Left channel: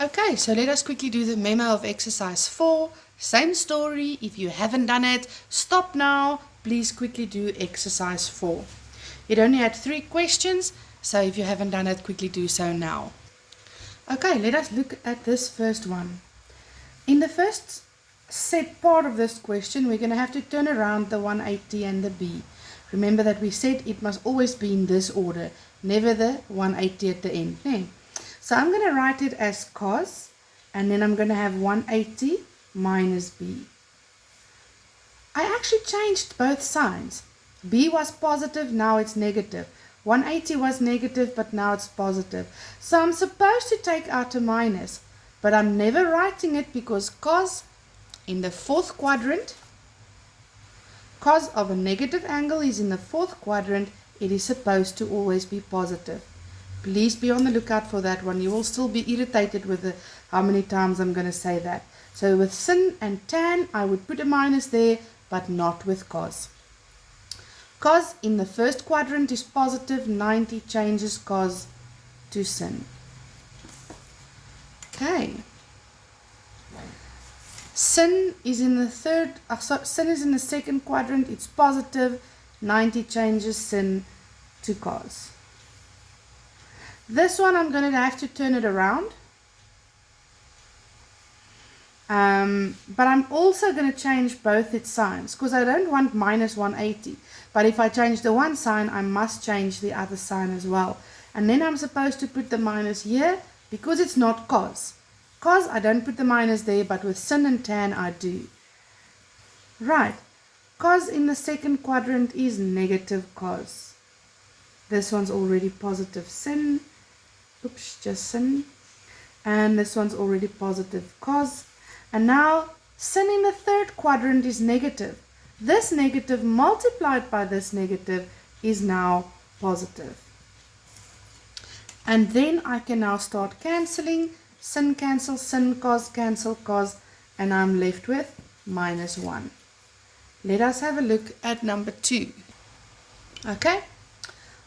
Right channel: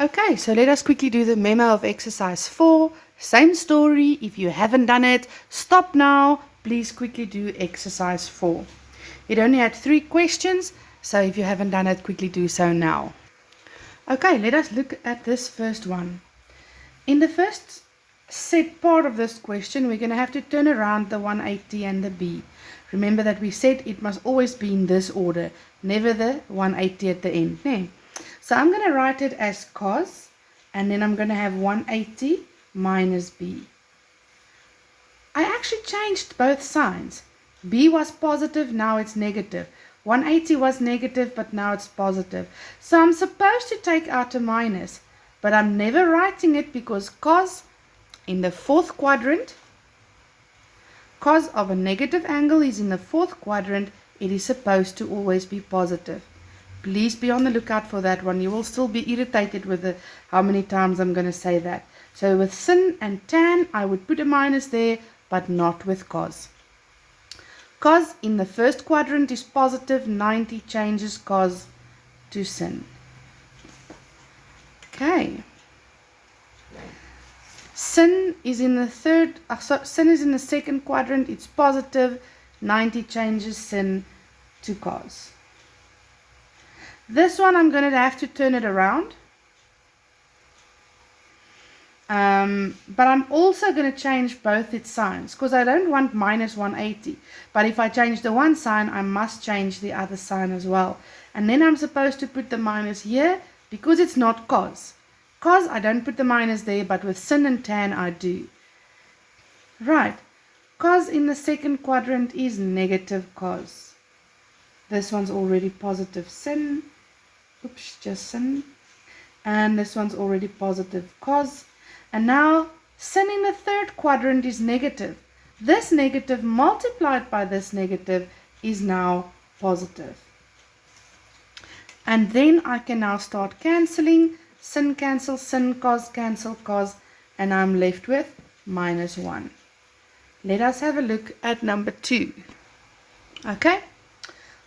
Okay, so let us quickly do the memo of exercise 4. Same story. If you haven't done it, stop now. Please quickly do exercise 4. It only had 3 questions, so if you haven't done it, quickly do so now. Okay, let us look at this first one. In the first set part of this question, we're going to have to turn around the 180 and the b. Remember that we said it must always be in this order, never the 180 at the end. Nee? So I'm going to write it as cos, and then I'm going to have 180 minus b. I actually changed both signs. B was positive, now it's negative. 180 was negative, but now it's positive. So I'm supposed to take out a minus, but I'm never writing it because cos in the fourth quadrant, cos of a negative angle is in the fourth quadrant, it is supposed to always be positive. Please be on the lookout for that one. You will still be irritated with how many times I'm going to say that. So with sin and tan, I would put a minus there, but not with cos. Cos in the first quadrant is positive, 90 changes cos to sin. Okay. Sin is in the sin is in the second quadrant, it's positive, 90 changes sin to cos. This one I'm going to have to turn it around. But I'm also going to change both its signs because I don't want minus 180. But if I change the one sign, I must change the other sign as well. And then I'm supposed to put the minus here because it's not cos. Cos, I don't put the minus there, but with sin and tan, I do. Right. Cos in the second quadrant is negative cos. This one's already positive sin. Oops, just sin. And this one's already positive cos. And now sin in the third quadrant is negative. This negative multiplied by this negative is now positive. And then I can now start cancelling. Sin cancel sin, cos cancel cos, and I'm left with minus 1. Let us have a look at number 2. Okay.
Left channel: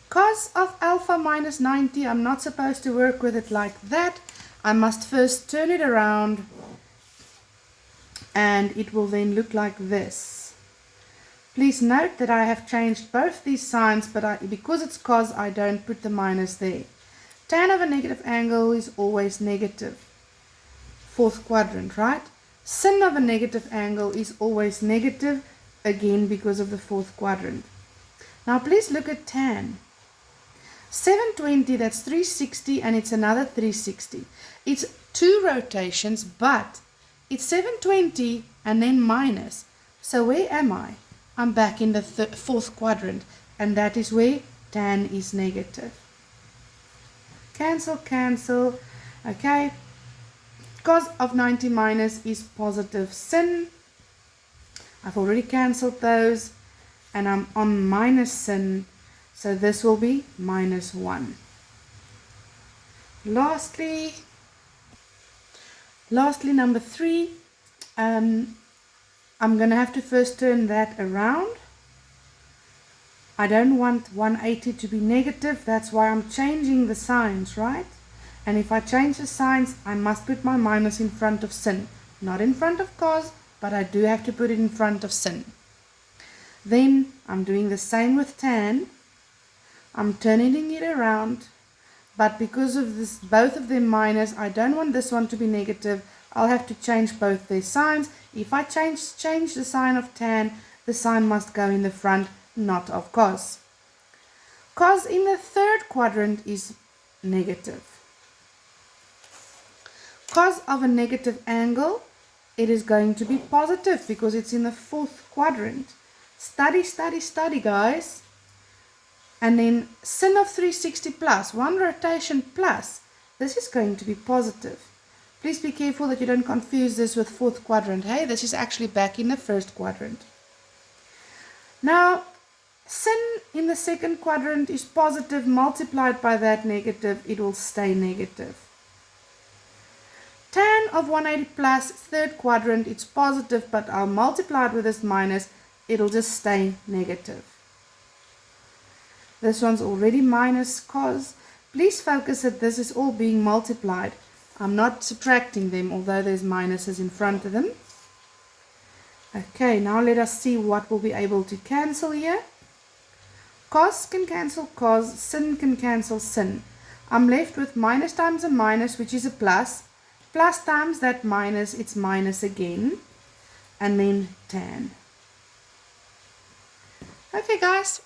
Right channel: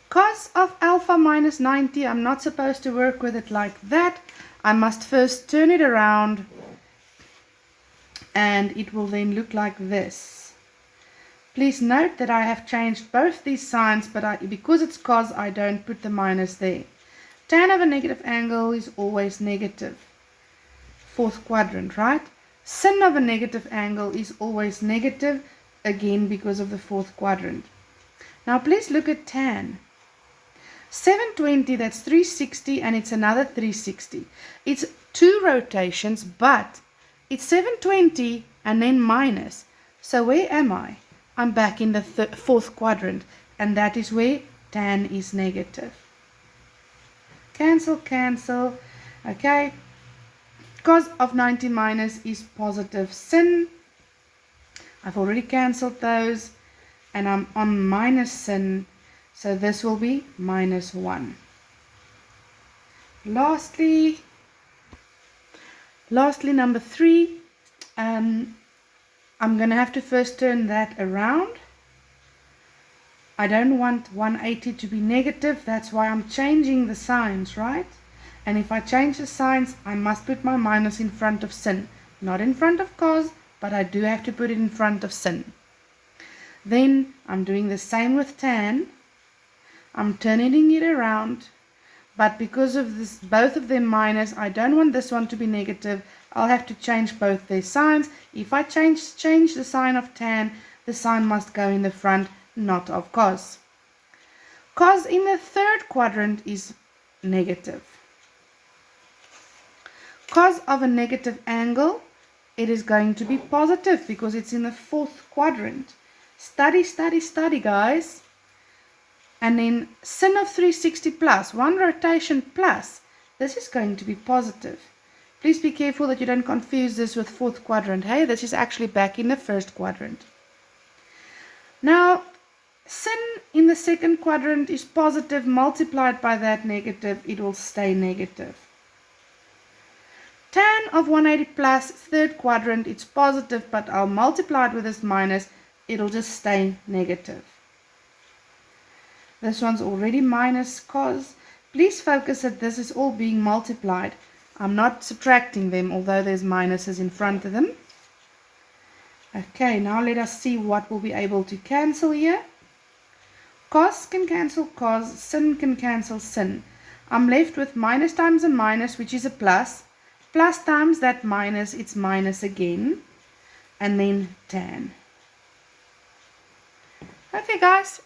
Cos of alpha minus 90, I'm not supposed to work with it like that. I must first turn it around and it will then look like this. Please note that I have changed both these signs, but because it's cos, I don't put the minus there. Tan of a negative angle is always negative. Fourth quadrant, right? Sin of a negative angle is always negative, again because of the fourth quadrant. Now please look at tan. 720, that's 360, and it's another 360. It's 2 rotations, but it's 720 and then minus. So where am I? I'm back in the fourth quadrant, and that is where tan is negative. Cancel, cancel. Okay. Cos of 90 minus is positive sin. I've already cancelled those, and I'm on minus sin. So this will be minus 1. Lastly, number 3, I'm going to have to first turn that around. I don't want 180 to be negative, that's why I'm changing the signs, right? And if I change the signs, I must put my minus in front of sin. Not in front of cos, but I do have to put it in front of sin. Then I'm doing the same with tan. I'm turning it around, but because of this, both of them minus, I don't want this one to be negative. I'll have to change both their signs. If I change the sign of tan, the sign must go in the front, not of cos. Cos in the third quadrant is negative. Cos of a negative angle, it is going to be positive because it's in the fourth quadrant. Study, study, study, guys. And then sin of 360 plus, 1 rotation plus, this is going to be positive. Please be careful that you don't confuse this with fourth quadrant. Hey, this is actually back in the first quadrant. Now, sin in the second quadrant is positive, multiplied by that negative, it will stay negative. Tan of 180 plus, third quadrant, it's positive, but I'll multiply it with this minus, it'll just stay negative. This one's already minus cos. Please focus that this is all being multiplied. I'm not subtracting them, although there's minuses in front of them. Okay, now let us see what we'll be able to cancel here. Cos can cancel cos, sin can cancel sin. I'm left with minus times a minus, which is a plus. Plus times that minus, it's minus again. And then tan. Okay guys,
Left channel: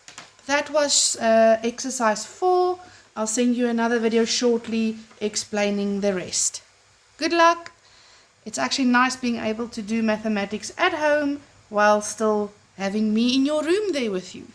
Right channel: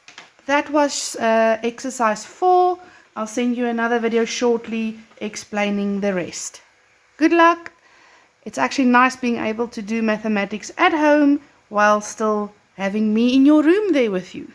that was exercise 4. I'll send you another video shortly explaining the rest. Good luck. It's actually nice being able to do mathematics at home while still having me in your room there with you.